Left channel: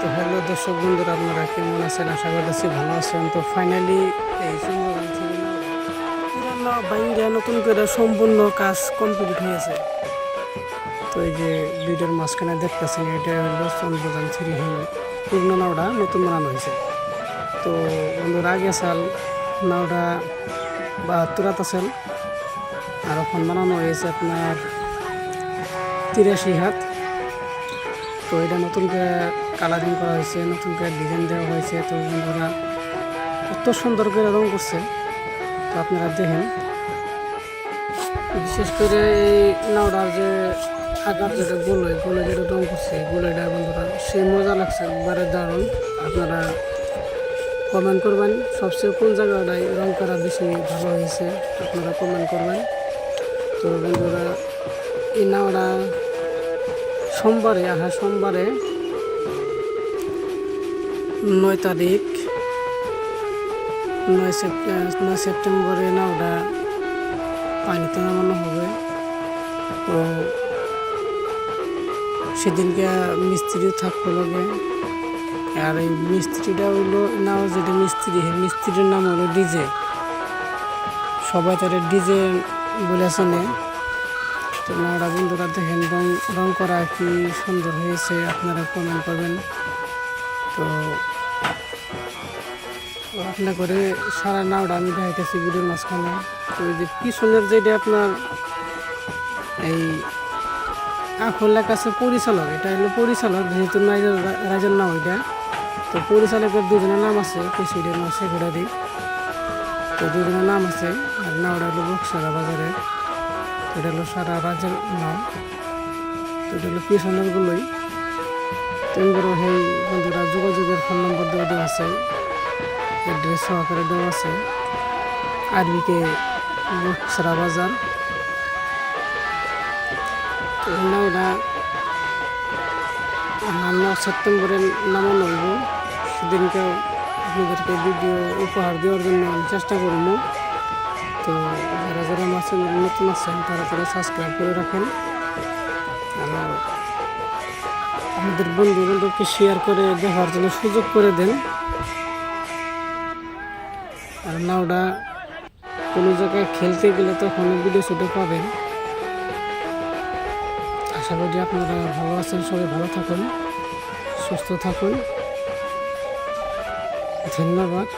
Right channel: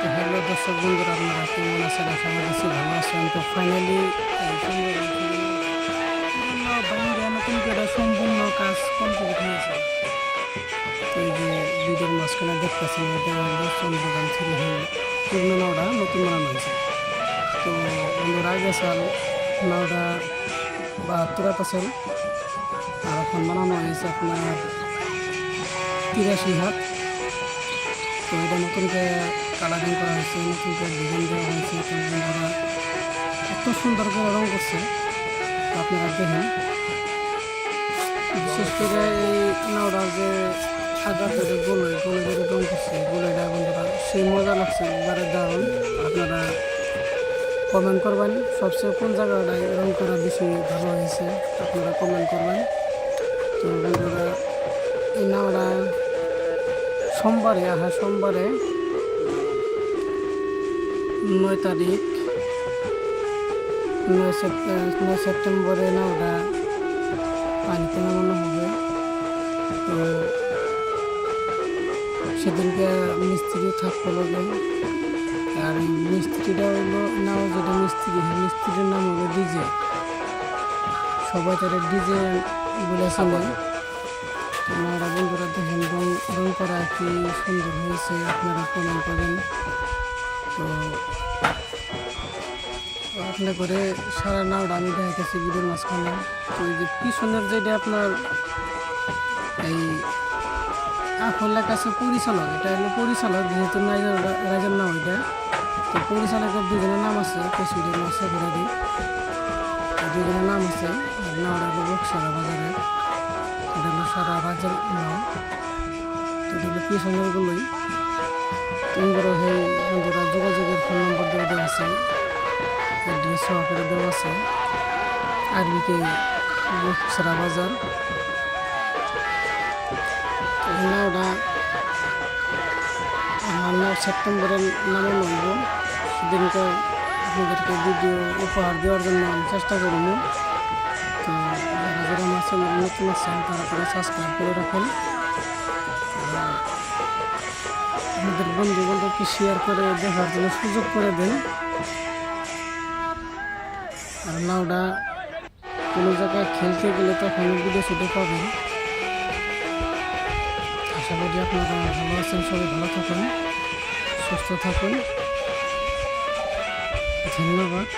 তো হ্যালো দর্শক বন্ধুরা, আপনারা কেমন আছেন? আশা করছি ভালো আছেন। তো ফাইনালি এই সুন্দরবন থেকে পুরোনো বাইরে নতুন করে সম্পূর্ণ কাজ কমপ্লিট হয়েছে। তো এই যে ভিডিওর মাঝখানে দেখতেছেন, এটা হলো চন্দ্রগান থ্রি হিল পুরনো নাওটা নতুন বানানো হয়েছে। তো বন্ধুরা, আগে সাল নাওটা 72 সাল, আর এখন বানানো হয়েছে আপনার 83 হাত। তো এটা নতুন করে কালারিং করা হয়েছে, নতুন করে ডিজাইন দেওয়া হয়েছে। তো বন্ধুরা, এত সুন্দর করে রং করছে, তো আপনারা দেখেন। বিশেষ করে এই নাওটার যে আকার যেটা গোলে যেটা রং করছে, গোলেটা বন্ধুরা সেই মজা লাগছে, একবারে দারুণ। আপনারা কমেন্ট করবেন সবচেয়ে কোন জায়গাটায় রং করা বেশি ভালো হয়েছে, আপনারা কমেন্ট করবেন। তো বন্ধুরা, এই নাওটা সোমবারে 9 তারিখ 9 সেপ্টেম্বরে নাওটা পানিতে নামানো হবে। তো সেদিনকে মিস্ত্রিও থাকতে হবে। আর এই মিস্ত্রিটা হইলো নাও যেটা মিস্ত্রির নাম হলো ডিজে। সবাই তারা ডিজে বলেছেন। তো নাওটা বন্ধুরা দেখেন, রং করা কি সুন্দর হয়েছে, আপনারা কমেন্ট করবেন। তো আপনার করে সারা নাওটা আমি দেখাইতেছি ভিডিওর মাঝখানে। তো এই যে পিছনের যেটা আপনার এই আখলার কাছে পরিচালক, এটা হলো পরিচালক, যেহেতু রাইজের নাম ওইটা। তো পরিচালকের দুজনের নাম আছে, প্রেসিডেন্ট ও সেক্রেটারি। তো দুজনের নাম আছে। আর নাওটা হলো বক্সারা বাজারে, এটা হলো সারা রাজ্যের নাম। এটা হলো পিছনের গুলোই। তোমরা সেই বন্ধুরা যোগাযোগের ফোন নম্বর দেওয়া আছে, অ্যাড্রেস সহকারে দেওয়া আছে। আরবিকে বক্সারা বাজার। নাওটা 9 সেপ্টেম্বরে নামানো হইব। সেদিনকে আপনাদেরকে ভিডিও উপহার দেওয়ার জন্য আমি চেষ্টা করব। তো যারা নতুন আছেন তারা করে সাবস্ক্রাইব করে রাখেন, আর আমাদের বন্ধু বান্ধবকে শেয়ার করে দেখার জন্য সুযোগ করে দেন। আর নাওটা কোনো জায়গায় খেলতে গেলে তখন ভিডিও শুটে পাবেন। আশা করি আপনারা ভালো আছেন, সবাই ভালো থাকুন, সুস্থ থাকুন। ধন্যবাদ।